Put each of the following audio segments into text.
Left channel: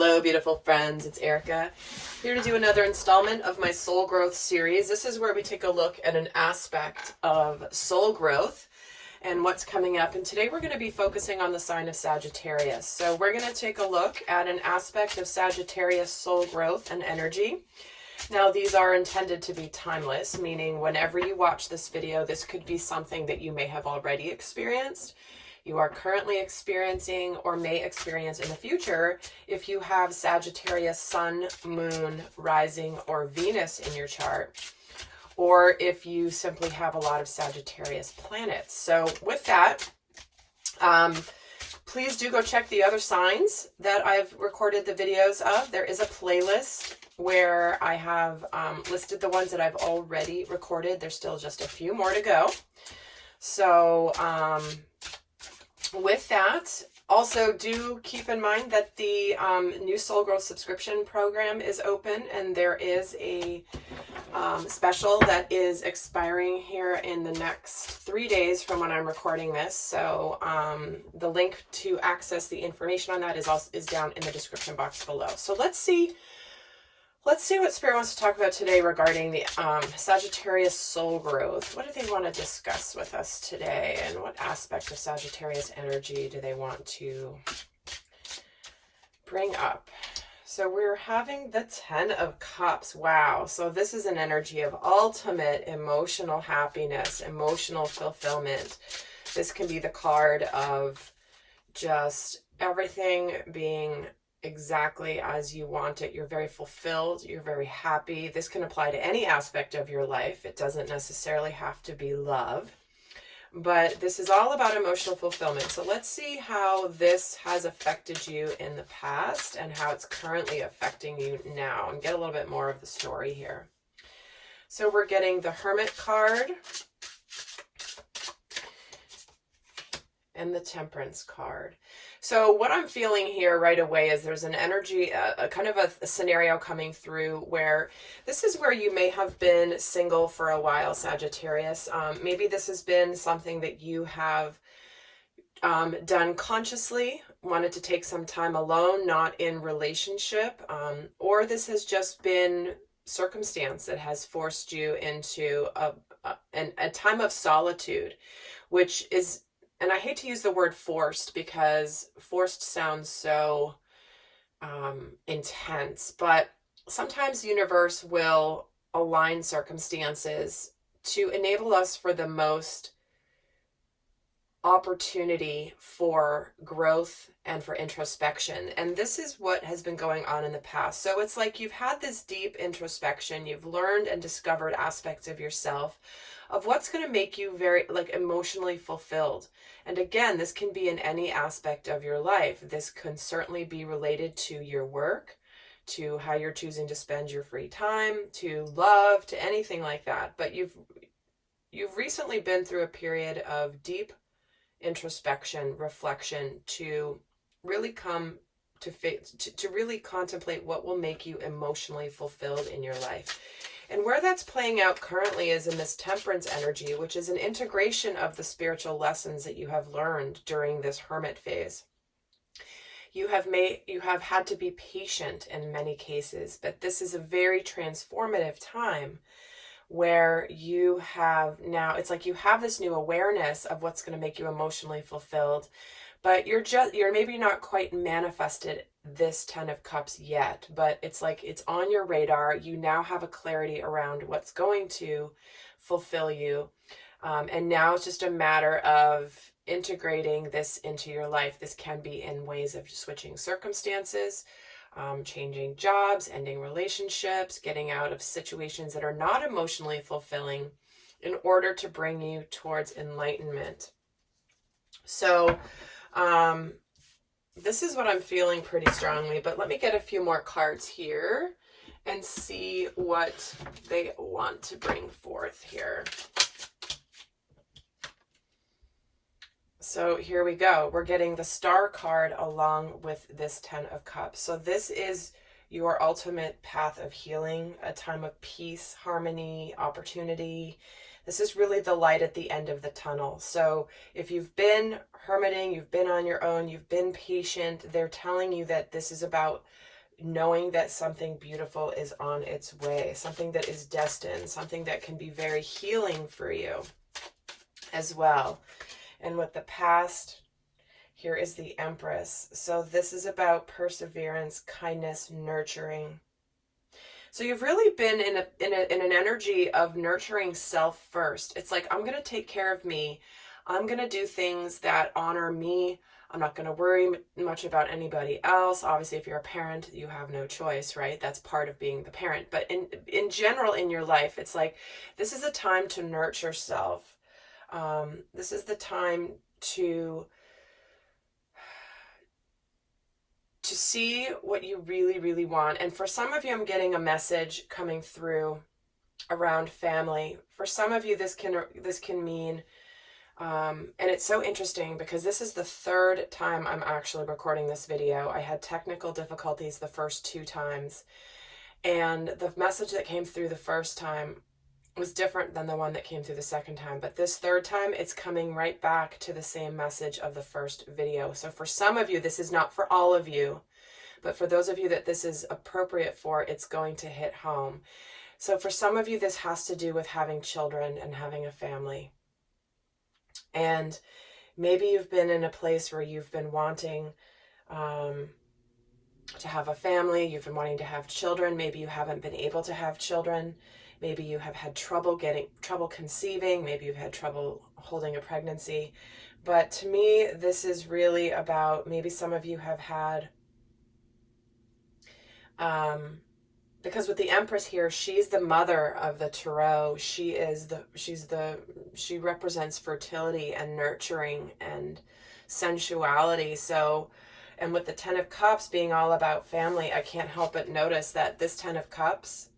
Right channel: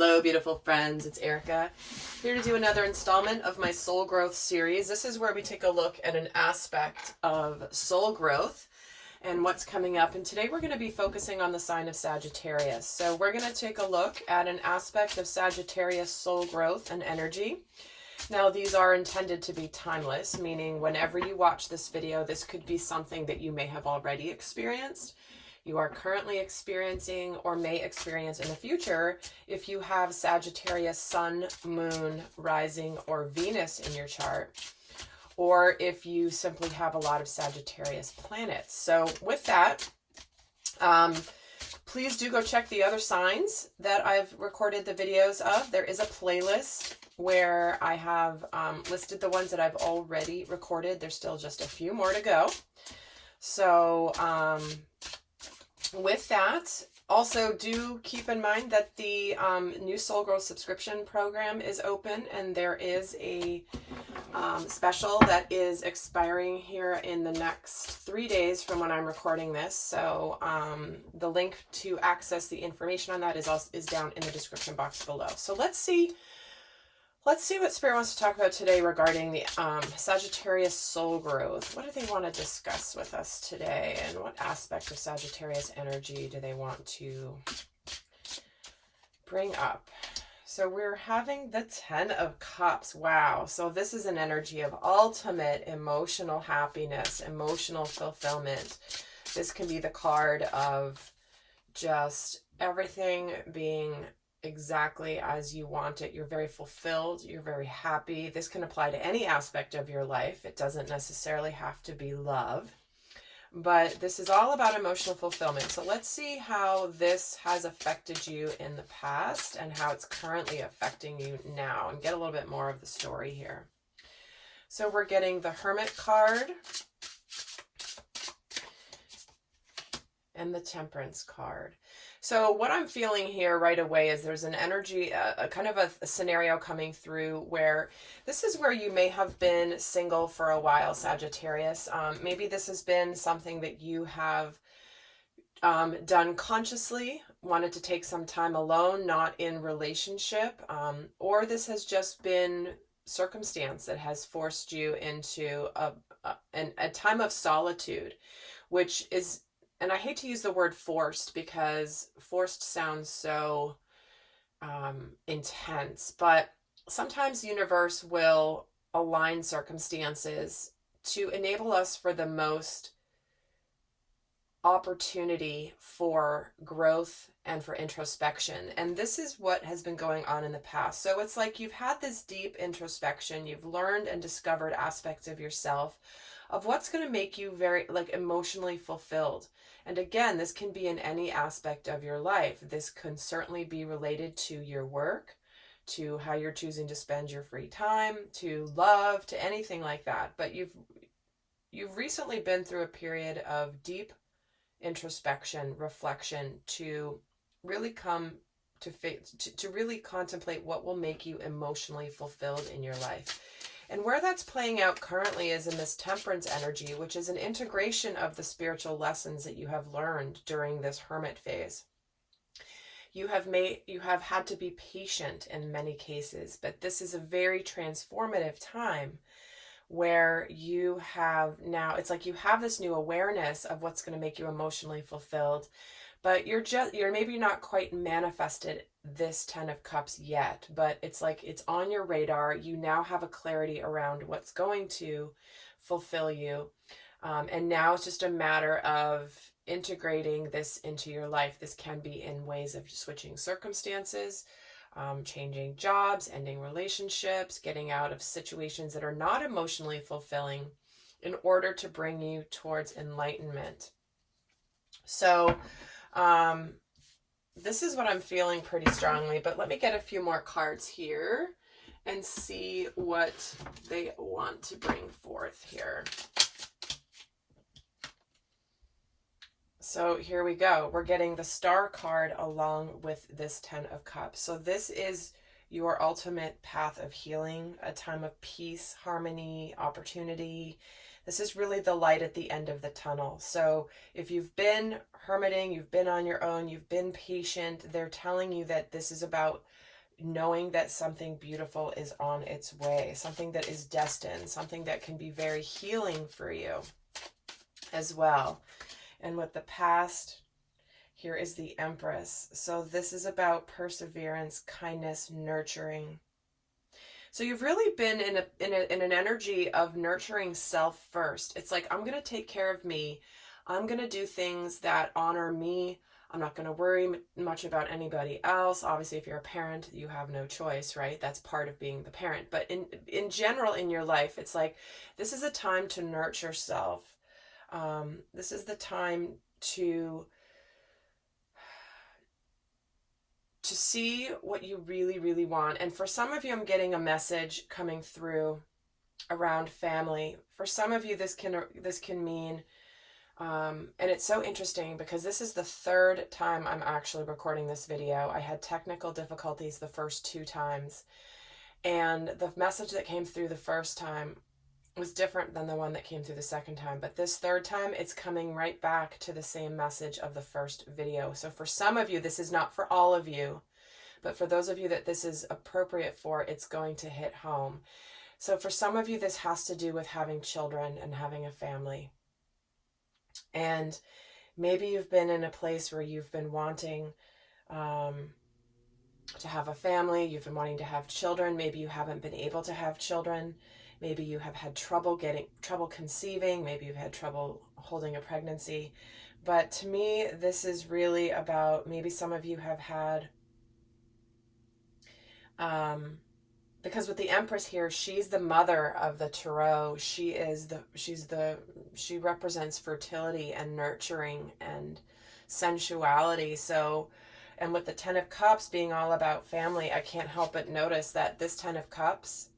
Hello, beautiful friends. It's Erika, here to do another installment of my Soul Growth series. This is where we take a look at an aspect of soul growth and what's coming up. And today we're going to be focusing on the sign of Sagittarius. So we're going to take a look at an aspect of Sagittarius soul growth and energy. Now, these are intended to be timeless, meaning whenever you watch this video, this could be something that you may have already experienced, you are currently experiencing, or may experience in the future if you have Sagittarius Sun, Moon, Rising, or Venus in your chart, or if you simply have a lot of Sagittarius planets. So with that, please do go check the other signs that I've recorded the videos of. There is a playlist where I have listed the ones that I've already recorded. There's still just a few more to go. So with that, also do keep in mind that the new Soul Growth subscription program is open, and there is a special that is expiring here in the next 3 days from when I'm recording this. So the link to access the information on that is down in the description box below. So let's see what Spirit wants to talk about today regarding the Sagittarius soul growth. What do they want to discuss with us today? And what aspect of Sagittarius energy do they want to bring up? So we're having the 10 of Cups. Wow. So this is an energy of ultimate emotional happiness, emotional fulfillment. This can be the card of just everything being exactly as you want it. You're very fulfilled. You're very happy. This can apply to any aspect of your life. It doesn't necessarily have to be love, but this is all about emotional fulfillment. So let's see how this has affected you in the past and how it's currently affecting you now, and get a little bit more of the story here. So we're getting the Hermit card and the Temperance card. So what I'm feeling here right away is there's an energy, a kind of a scenario coming through where this is where you may have been single for a while, Sagittarius. Maybe this has been something that you have done consciously, wanted to take some time alone, not in relationship, or this has just been circumstance that has forced you into a time of solitude, which is, and I hate to use the word forced because forced sounds so intense, but sometimes the universe will align circumstances to enable us for the most opportunity for growth and for introspection. And this is what has been going on in the past. So it's like you've had this deep introspection, you've learned and discovered aspects of yourself, of what's going to make you very emotionally fulfilled. And again, this can be in any aspect of your life. This can certainly be related to your work, to how you're choosing to spend your free time, to love, to anything like that. But you've recently been through a period of deep introspection, reflection, to really come to really contemplate what will make you emotionally fulfilled in your life. And where that's playing out currently is in this Temperance energy, which is an integration of the spiritual lessons that you have learned during this Hermit phase. You have had to be patient in many cases, but this is a very transformative time where you have now, it's like you have this new awareness of what's going to make you emotionally fulfilled, but you're maybe not quite manifested this 10 of Cups yet, but it's like it's on your radar. You now have a clarity around what's going to fulfill you. And now it's just a matter of integrating this into your life. This can be in ways of switching circumstances, changing jobs, ending relationships, getting out of situations that are not emotionally fulfilling in order to bring you towards enlightenment. So, this is what I'm feeling pretty strongly, but let me get a few more cards here and see what they want to bring forth here. So here we go. We're getting the Star card along with this 10 of Cups. So this is your ultimate path of healing, a time of peace, harmony, opportunity. This is really the light at the end of the tunnel. So if you've been hermiting, you've been on your own, you've been patient, they're telling you that this is about knowing that something beautiful is on its way, something that is destined, something that can be very healing for you as well. And with the past, here is the Empress. So this is about perseverance, kindness, nurturing. So you've really been in an energy of nurturing self first. It's like, I'm going to take care of me. I'm going to do things that honor me. I'm not going to worry much about anybody else. Obviously, if you're a parent, you have no choice, right? That's part of being the parent. But in general, in your life, it's like, this is a time to nurture self. This is the time to see what you really, really want. And for some of you, I'm getting a message coming through around family. For some of you, this can mean, and it's so interesting because this is the third time I'm actually recording this video. I had technical difficulties the first 2 times, and the message that came through the first time was different than the one that came through the second time. But this third time, it's coming right back to the same message of the first video. So for some of you, this is not for all of you, but for those of you that this is appropriate for, it's going to hit home. So for some of you, this has to do with having children and having a family. And maybe you've been in a place where you've been wanting to have a family, you've been wanting to have children, maybe you haven't been able to have children. Maybe you have had trouble conceiving. Maybe you've had trouble holding a pregnancy. But to me, this is really about, maybe some of you have had, because with the Empress here, she's the mother of the Tarot. She represents fertility and nurturing and sensuality. So, and with the Ten of Cups being all about family, I can't help but notice that this Ten of Cups,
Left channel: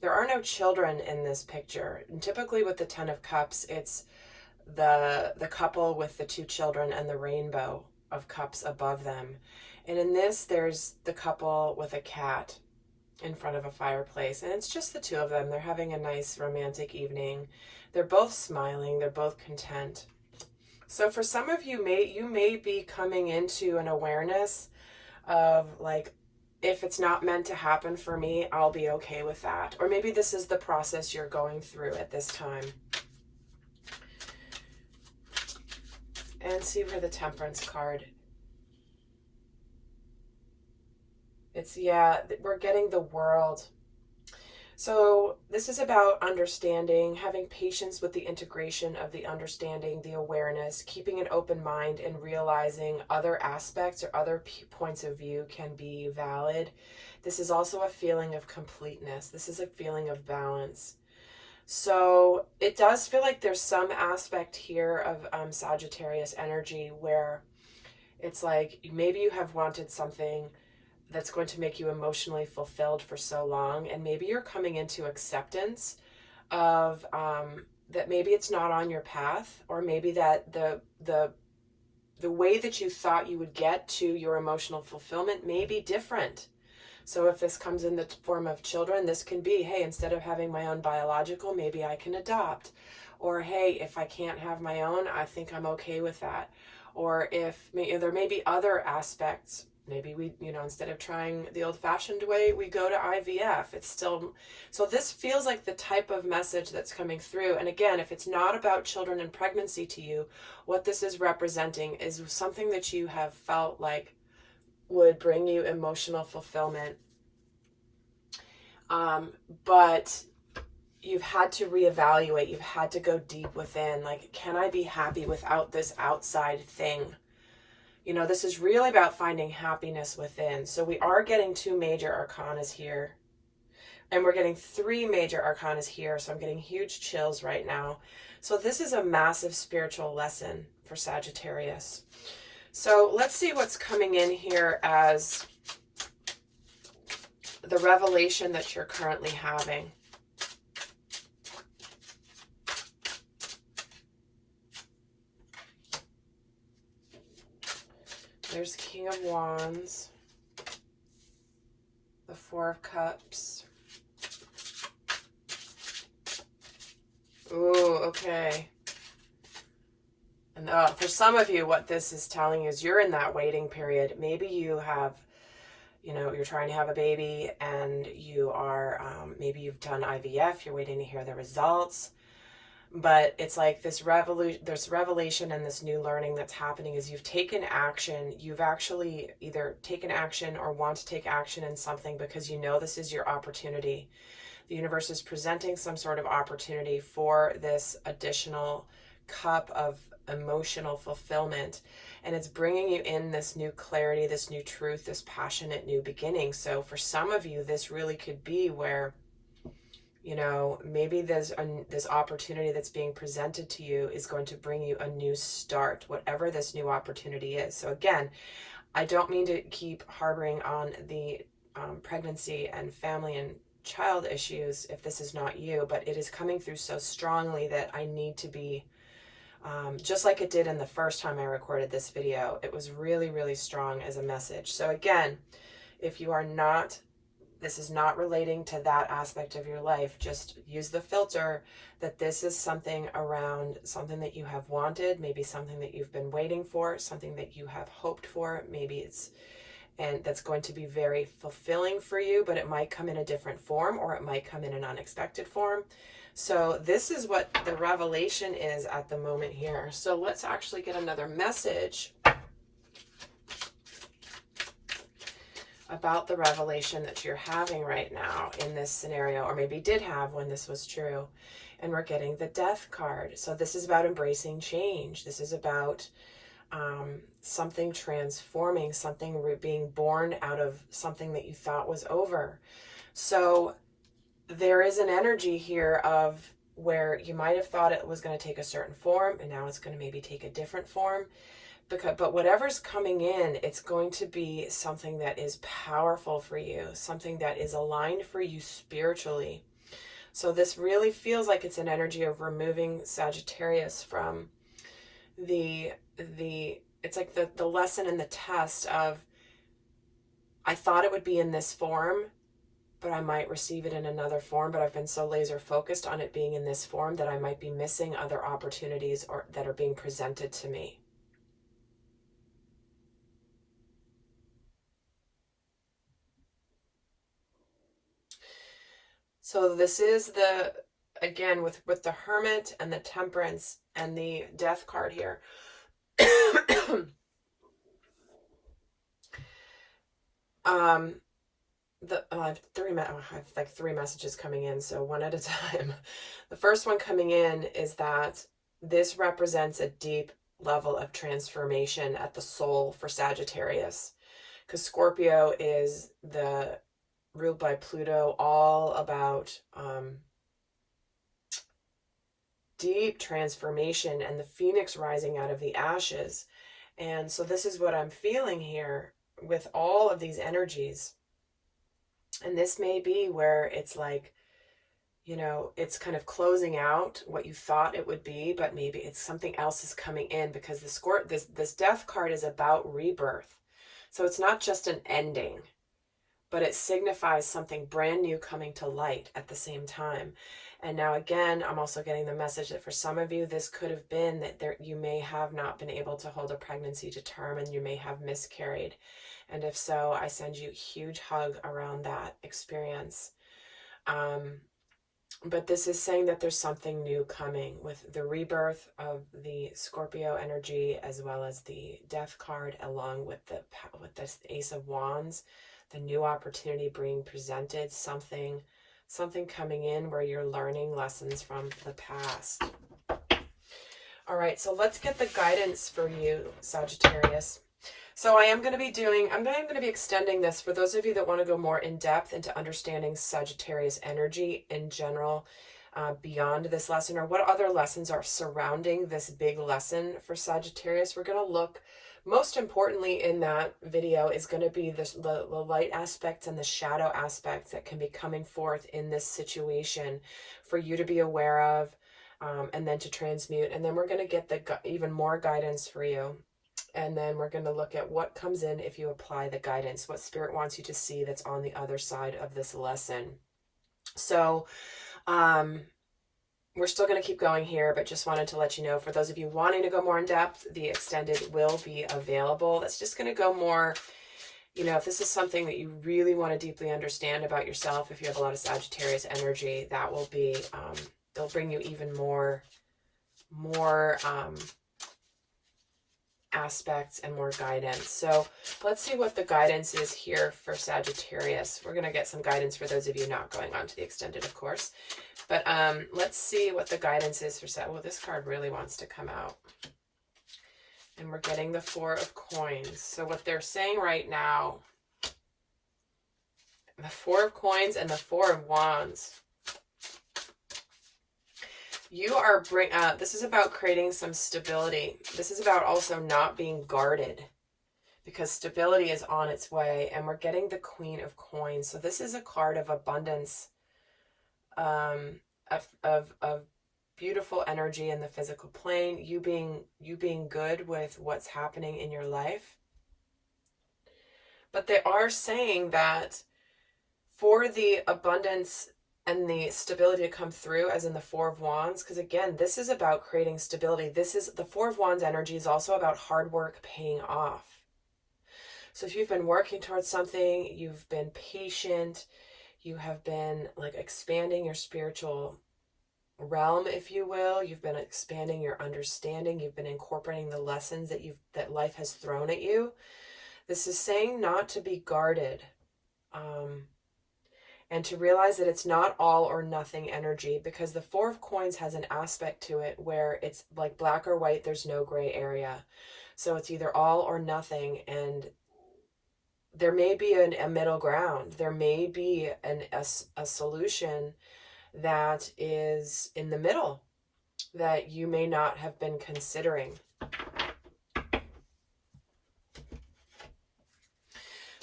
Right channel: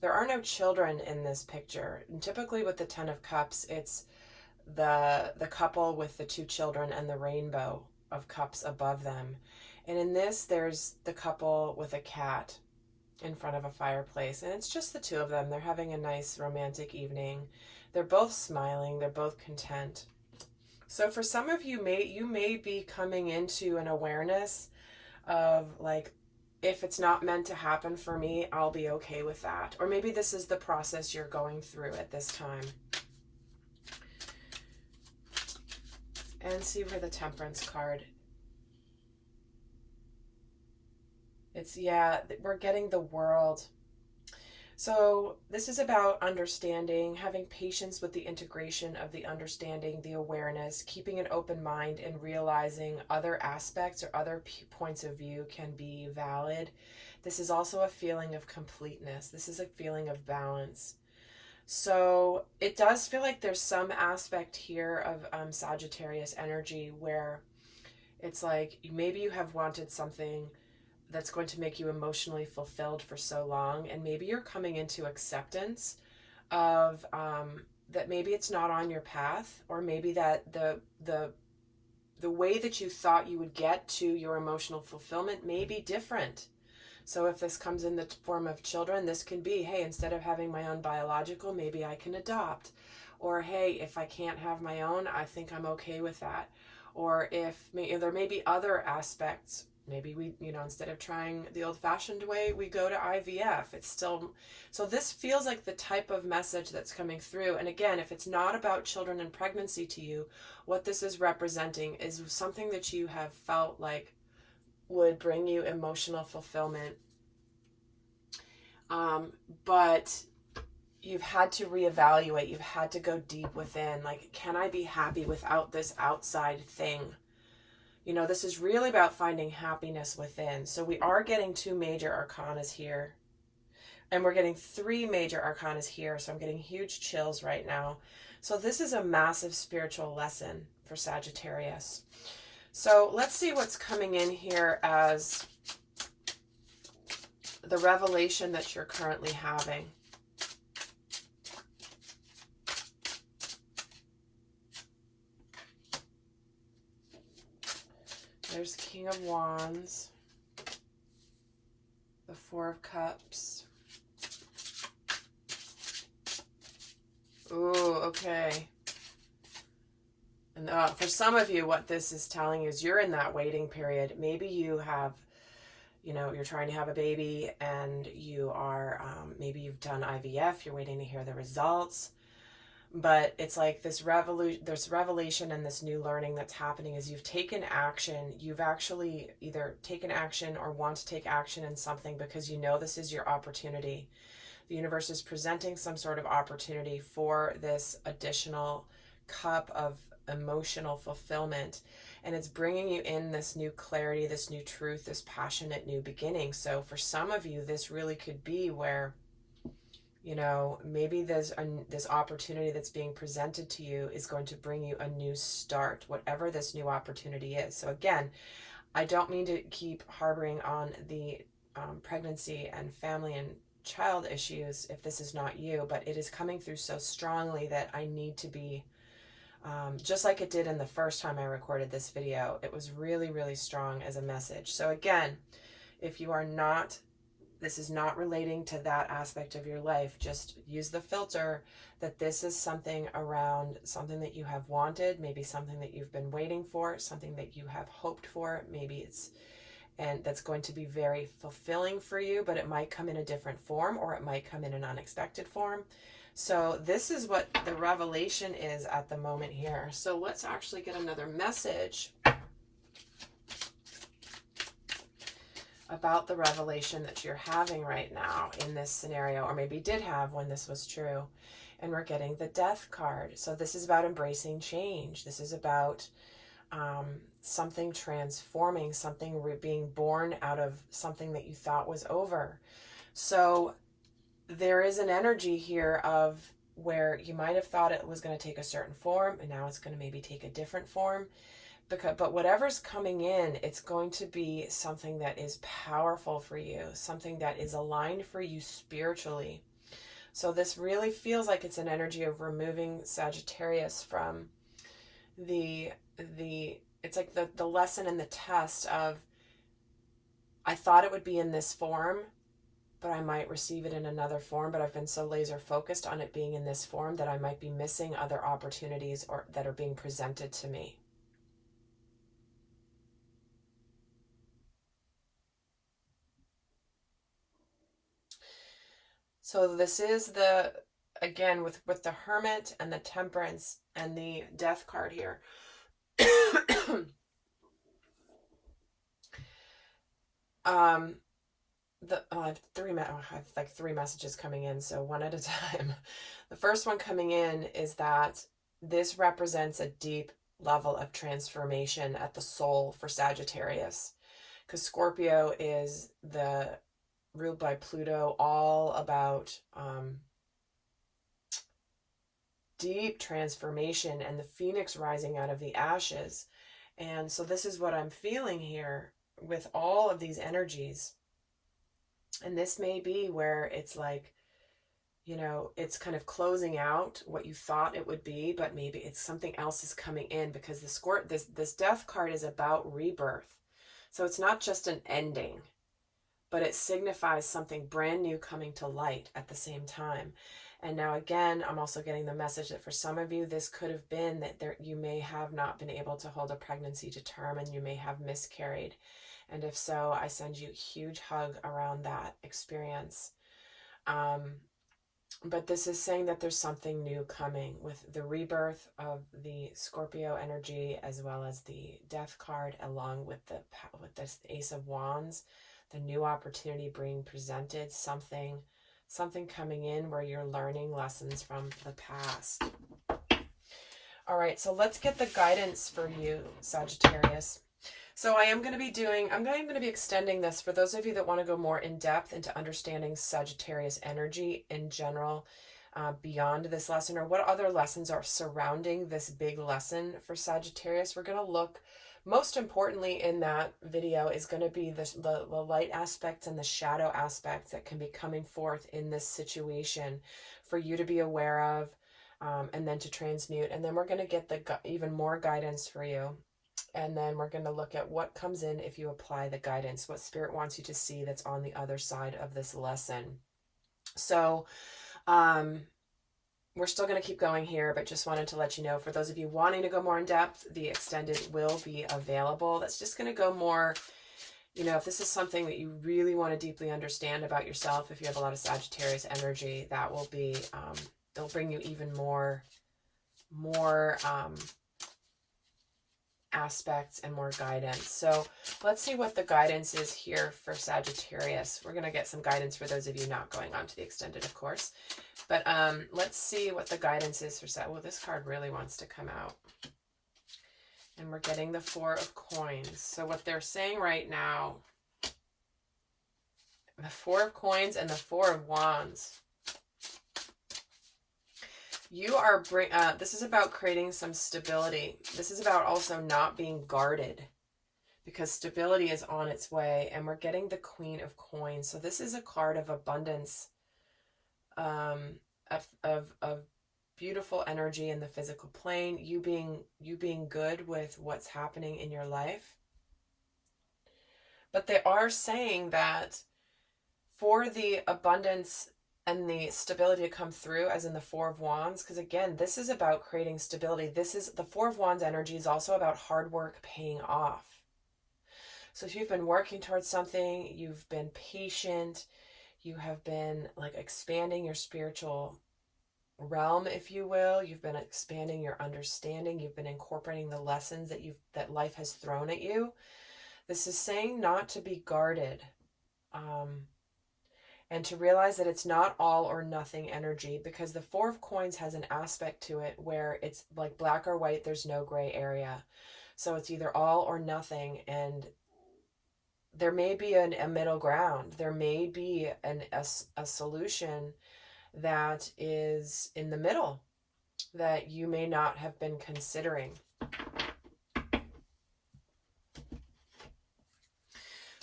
there are no children in this picture. And typically with the Ten of Cups, it's the couple with the 2 children and the rainbow of cups above them. And in this, there's the couple with a cat in front of a fireplace. And it's just the 2 of them. They're having a nice romantic evening. They're both smiling. They're both content. So for some of you, you may be coming into an awareness of like, if it's not meant to happen for me, I'll be okay with that. Or maybe this is the process you're going through at this time. And see where the Temperance card. It's, yeah, we're getting the World. So this is about understanding, having patience with the integration of the understanding, the awareness, keeping an open mind and realizing other aspects or other points of view can be valid. This is also a feeling of completeness. This is a feeling of balance. So it does feel like there's some aspect here of Sagittarius energy where it's like maybe you have wanted something that's going to make you emotionally fulfilled for so long, and maybe you're coming into acceptance of that maybe it's not on your path, or maybe that the way that you thought you would get to your emotional fulfillment may be different. So if this comes in the form of children, this can be, hey, instead of having my own biological, maybe I can adopt. Or hey, if I can't have my own, I think I'm okay with that. Or if there may be other aspects. Maybe we, instead of trying the old-fashioned way, we go to IVF. It's still, so this feels like the type of message that's coming through. And again, if it's not about children and pregnancy to you, what this is representing is something that you have felt like would bring you emotional fulfillment. But you've had to reevaluate. You've had to go deep within. Like, can I be happy without this outside thing? This is really about finding happiness within. So we are getting 2 major arcanas here. And we're getting 3 major arcanas here. So I'm getting huge chills right now. So this is a massive spiritual lesson for Sagittarius. So let's see what's coming in here as the revelation that you're currently having. There's the King of Wands, the 4 of Cups, Ooh, okay. And for some of you, what this is telling is you're in that waiting period. Maybe you have, you're trying to have a baby and you are, maybe you've done IVF, you're waiting to hear the results. But it's like this revelation and this new learning that's happening is you've taken action. You've actually either taken action or want to take action in something because you know this is your opportunity. The universe is presenting some sort of opportunity for this additional cup of emotional fulfillment, and it's bringing you in this new clarity, this new truth, this passionate new beginning. So for some of you, this really could be where, maybe there's this opportunity that's being presented to you is going to bring you a new start, whatever this new opportunity is. So again, I don't mean to keep harboring on the pregnancy and family and child issues if this is not you, but it is coming through so strongly that I need to be, just like it did in the first time I recorded this video, it was really, really strong as a message. So again, if you are not, this is not relating to that aspect of your life, just use the filter that this is something around something that you have wanted, maybe something that you've been waiting for, something that you have hoped for, and that's going to be very fulfilling for you, but it might come in a different form or it might come in an unexpected form. So this is what the revelation is at the moment here. So let's actually get another message about the revelation that you're having right now in this scenario, or maybe did have when this was true. And we're getting the Death card. So this is about embracing change. This is about something transforming, something being born out of something that you thought was over. So there is an energy here of where you might have thought it was going to take a certain form, and now it's going to maybe take a different form. But whatever's coming in, it's going to be something that is powerful for you, something that is aligned for you spiritually. So this really feels like it's an energy of removing Sagittarius from it's like the lesson and the test of, I thought it would be in this form, but I might receive it in another form, but I've been so laser focused on it being in this form that I might be missing other opportunities or that are being presented to me. So this is again, with the Hermit and the Temperance and the Death card here. I have three messages coming in, so one at a time. The first one coming in is that this represents a deep level of transformation at the soul for Sagittarius, because Scorpio is ruled by Pluto, all about deep transformation and the phoenix rising out of the ashes. And so this is what I'm feeling here with all of these energies. And this may be where it's like, it's kind of closing out what you thought it would be, but maybe it's something else is coming in, because this Death card is about rebirth. So it's not just an ending, but it signifies something brand new coming to light at the same time. And now again, I'm also getting the message that for some of you, this could have been that you may have not been able to hold a pregnancy to term, and you may have miscarried. And if so, I send you a huge hug around that experience. But this is saying that there's something new coming with the rebirth of the Scorpio energy, as well as the Death card, along with this Ace of Wands, the new opportunity being presented, something coming in where you're learning lessons from the past. All right, so let's get the guidance for you, Sagittarius. So I'm going to be extending this for those of you that want to go more in depth into understanding Sagittarius energy in general, beyond this lesson, or what other lessons are surrounding this big lesson for Sagittarius. We're going to look, most importantly in that video is going to be the light aspects and the shadow aspects that can be coming forth in this situation for you to be aware of, and then to transmute. And then we're going to get even more guidance for you. And then we're going to look at what comes in if you apply the guidance, what Spirit wants you to see that's on the other side of this lesson. So, we're still going to keep going here, but just wanted to let you know, for those of you wanting to go more in depth, the extended will be available. That's just going to go more, you know, if this is something that you really want to deeply understand about yourself, if you have a lot of Sagittarius energy, that will be, it'll bring you even more aspects and more guidance. So let's see what the guidance is here for Sagittarius. We're going to get some guidance for those of you not going on to the extended, of course. But let's see what the guidance is for Sag. Well, this card really wants to come out. And we're getting the Four of Coins. So what they're saying right now, the Four of Coins and the Four of Wands. You are this is about creating some stability. This is about also not being guarded, because stability is on its way. And we're getting the Queen of Coins. So this is a card of abundance, of beautiful energy in the physical plane. You being good with what's happening in your life. But they are saying that for the abundance and the stability to come through, as in the Four of Wands, because again, this is about creating stability. This is the Four of Wands energy is also about hard work paying off. So if you've been working towards something, you've been patient, you have been like expanding your spiritual realm, if you will, you've been expanding your understanding, you've been incorporating the lessons that life has thrown at you. This is saying not to be guarded. And to realize that it's not all or nothing energy, because the Four of Coins has an aspect to it where it's like black or white, there's no gray area. So it's either all or nothing, and there may be a middle ground. There may be a solution that is in the middle that you may not have been considering.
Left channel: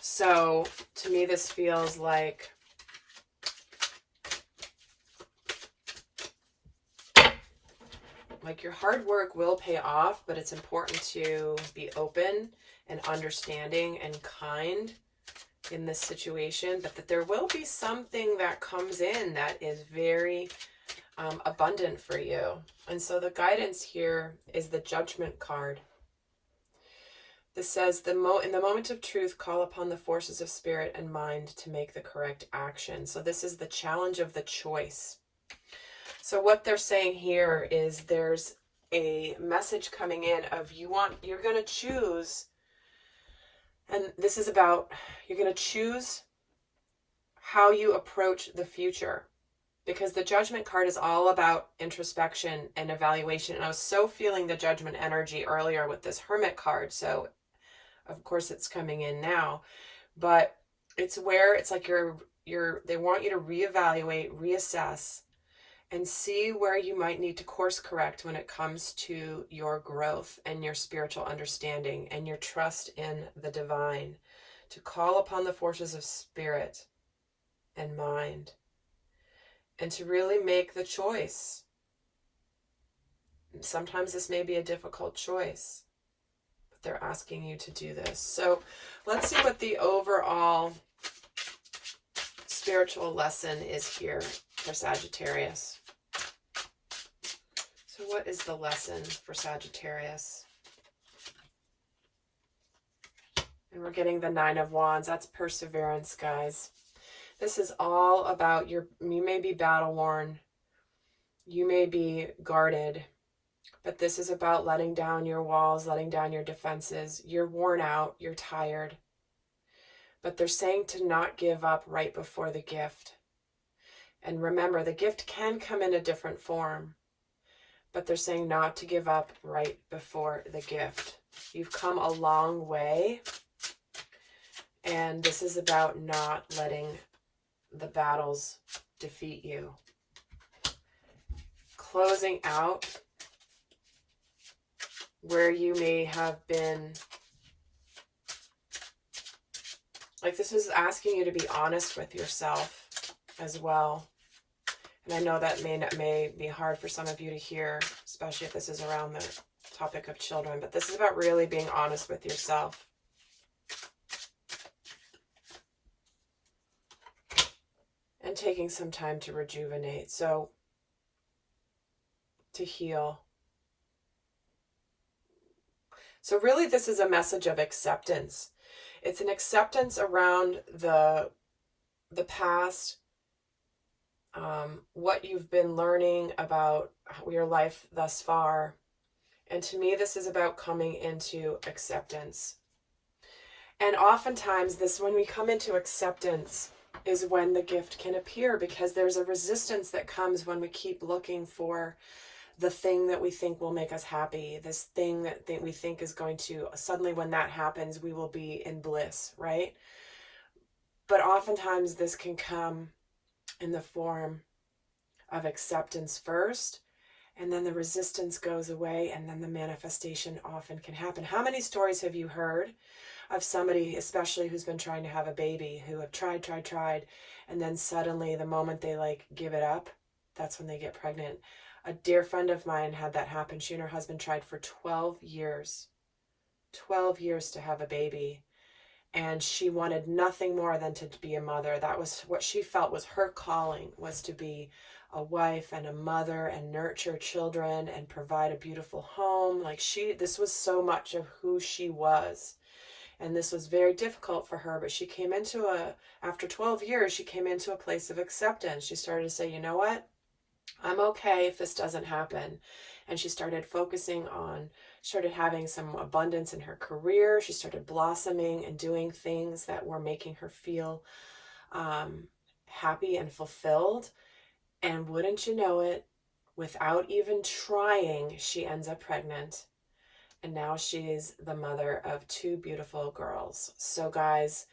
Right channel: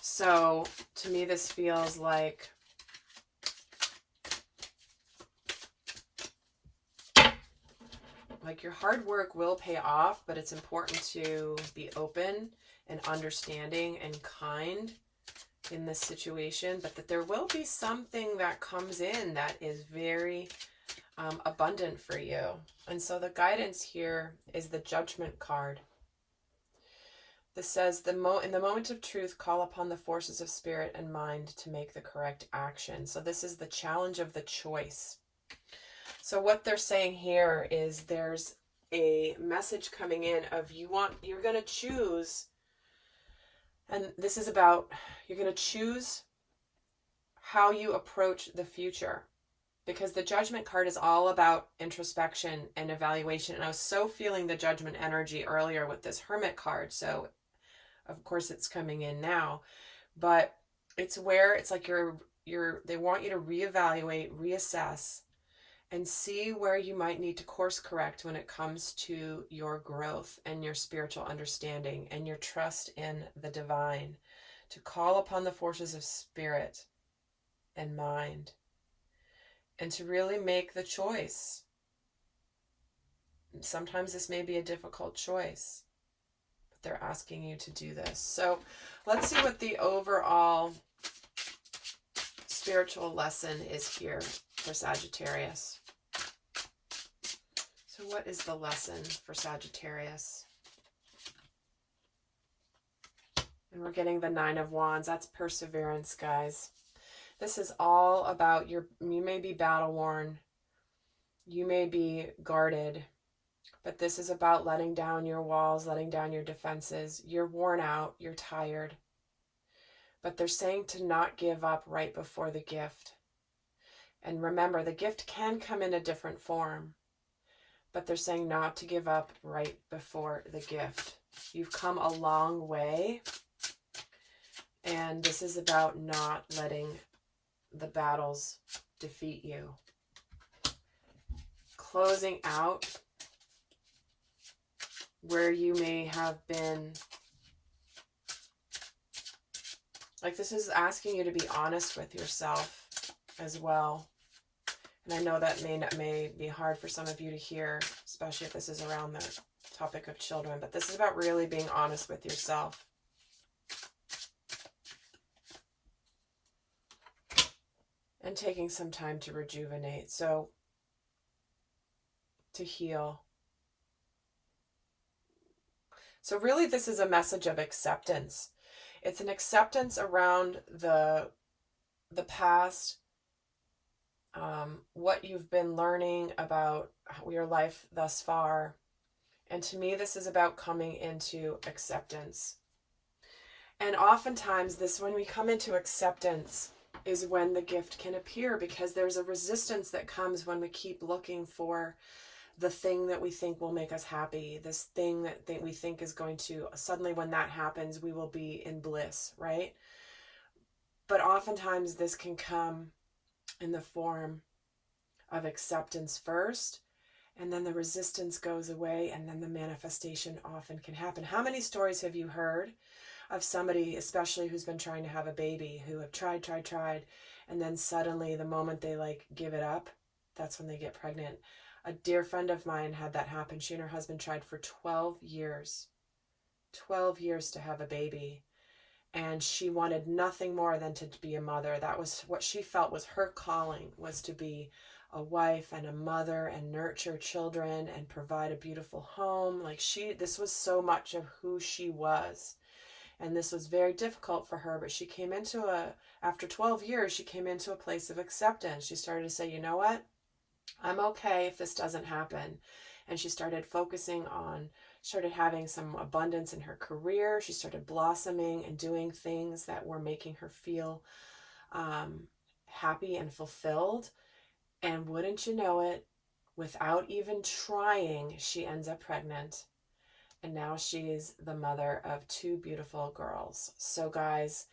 So to me, this feels like your hard work will pay off, but it's important to be open and understanding and kind in this situation, but that there will be something that comes in that is very abundant for you. And so the guidance here is the Judgment card. This says, in the moment of truth, call upon the forces of spirit and mind to make the correct action. So this is the challenge of the choice. So what they're saying here is there's a message coming in of you're going to choose, and this is about, you're going to choose how you approach the future, because the Judgment card is all about introspection and evaluation. And I was so feeling the Judgment energy earlier with this Hermit card. So of course it's coming in now, but it's where it's like they want you to reevaluate, reassess, and see where you might need to course correct when it comes to your growth and your spiritual understanding and your trust in the divine, to call upon the forces of spirit and mind, and to really make the choice. Sometimes this may be a difficult choice, but they're asking you to do this. So let's see what the overall spiritual lesson is here for Sagittarius. So what is the lesson for Sagittarius? And we're getting the Nine of Wands. That's perseverance, guys. This is all about you may be battle worn, you may be guarded, but this is about letting down your walls, letting down your defenses. You're worn out, you're tired. But they're saying to not give up right before the gift. And remember, the gift can come in a different form, but they're saying not to give up right before the gift. You've come a long way, and this is about not letting the battles defeat you. Closing out where you may have been, like this is asking you to be honest with yourself as well. And I know that may be hard for some of you to hear, especially if this is around the topic of children, but this is about really being honest with yourself. And taking some time to rejuvenate. So to heal. So really, this is a message of acceptance. It's an acceptance around the past, what you've been learning about your life thus far. And to me, this is about coming into acceptance. And oftentimes when we come into acceptance is when the gift can appear, because there's a resistance that comes when we keep looking for the thing that we think will make us happy, this thing that we think is going to, suddenly when that happens, we will be in bliss, right? But oftentimes this can come in the form of acceptance first, and then the resistance goes away, and then the manifestation often can happen. How many stories have you heard of somebody, especially who's been trying to have a baby, who have tried, and then suddenly the moment they like give it up, that's when they get pregnant? A dear friend of mine had that happen. She and her husband tried for 12 years to have a baby. And she wanted nothing more than to be a mother. That was what she felt was her calling, was to be a wife and a mother and nurture children and provide a beautiful home. Like this was so much of who she was. And this was very difficult for her, but she came into after 12 years, she came into a place of acceptance. She started to say, you know what? I'm okay if this doesn't happen. And she started started having some abundance in her career. She started blossoming and doing things that were making her feel happy and fulfilled. And wouldn't you know it, without even trying, she ends up pregnant. And now she's the mother of 2 beautiful girls. So guys,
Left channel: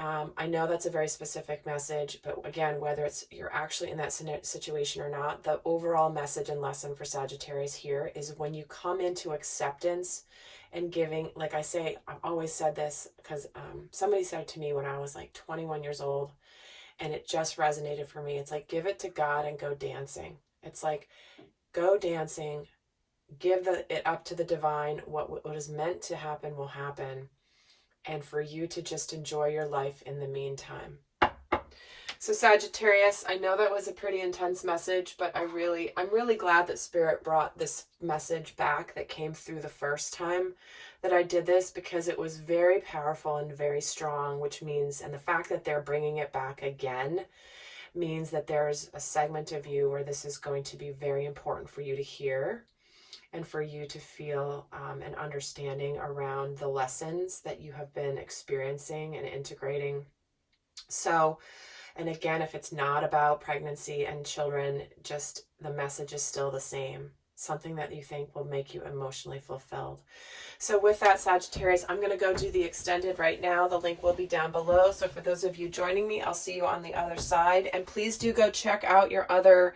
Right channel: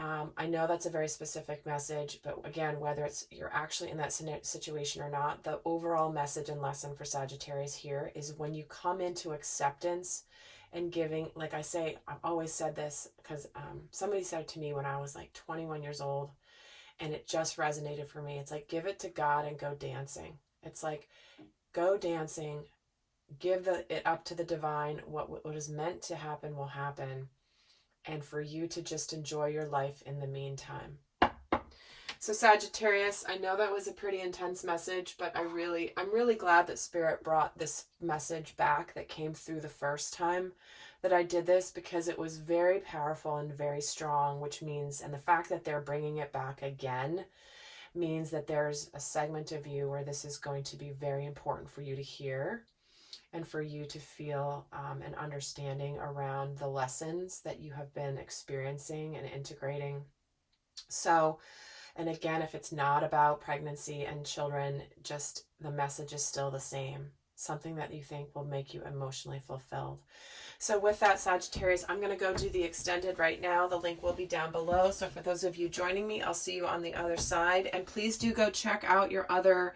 I know that's a very specific message, but again, whether you're actually in that situation or not, the overall message and lesson for Sagittarius here is when you come into acceptance and giving, like I say, I've always said this because somebody said it to me when I was like 21 years old, and it just resonated for me. It's like, give it to God and go dancing. It's like, go dancing, give it up to the divine. What is meant to happen will happen. And for you to just enjoy your life in the meantime. So Sagittarius, I know that was a pretty intense message, but I'm really glad that Spirit brought this message back that came through the first time that I did this, because it was very powerful and very strong, which means, and the fact that they're bringing it back again means that there's a segment of you where this is going to be very important for you to hear. And for you to feel an understanding around the lessons that you have been experiencing and integrating. So, and again, if it's not about pregnancy and children, just the message is still the same. Something that you think will make you emotionally fulfilled. So with that, Sagittarius, I'm going to go do the extended right now. The link will be down below. So for those of you joining me, I'll see you on the other side. And please do go check out your other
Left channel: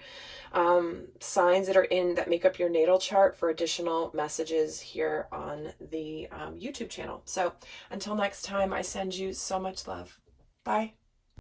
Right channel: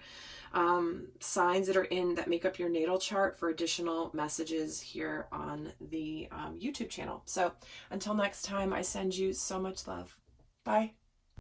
signs that make up your natal chart for additional messages here on the YouTube channel. So until next time, I send you so much love. Bye.